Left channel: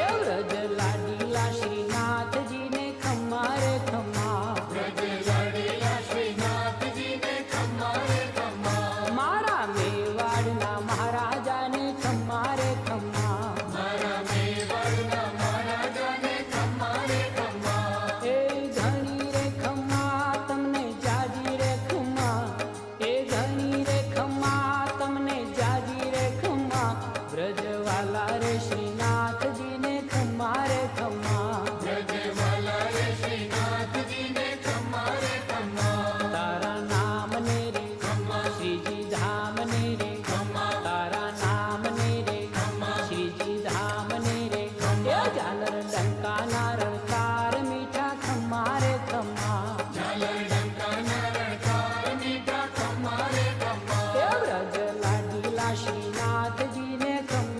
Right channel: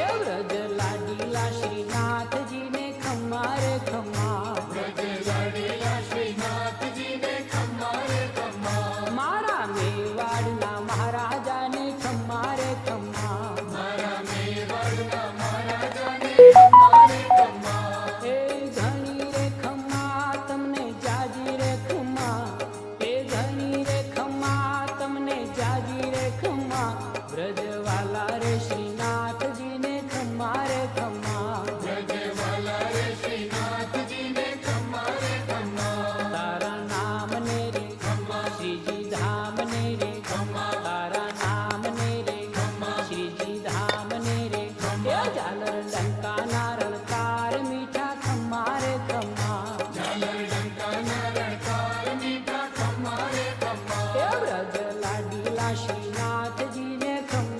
એ વ્રજ લાડીલા શ્રીનાથજીને ખમ્મા રે ખમ્મા, વ્રજ લાડીલા શ્રીનાથજીને ખમ્મા રે ખમ્મા, મારા મેવાડના મહારાજાને ખમ્મા રે ખમ્મા, મારા મેવાડના મહારાજાને ખમ્મા રે ખમ્મા, એ ઘણી રે ખમ્મા તમને જાજી રે ખમ્મા, એ ઘણી રે ખમ્મા તમને જાજી રે ખમ્મા, વ્રજવાલા રે શ્રીનાથજીને ખમ્મા રે ખમ્મા, વ્રજવાલા રે શ્રીનાથજીને ખમ્મા રે ખમ્મા, તારા નામ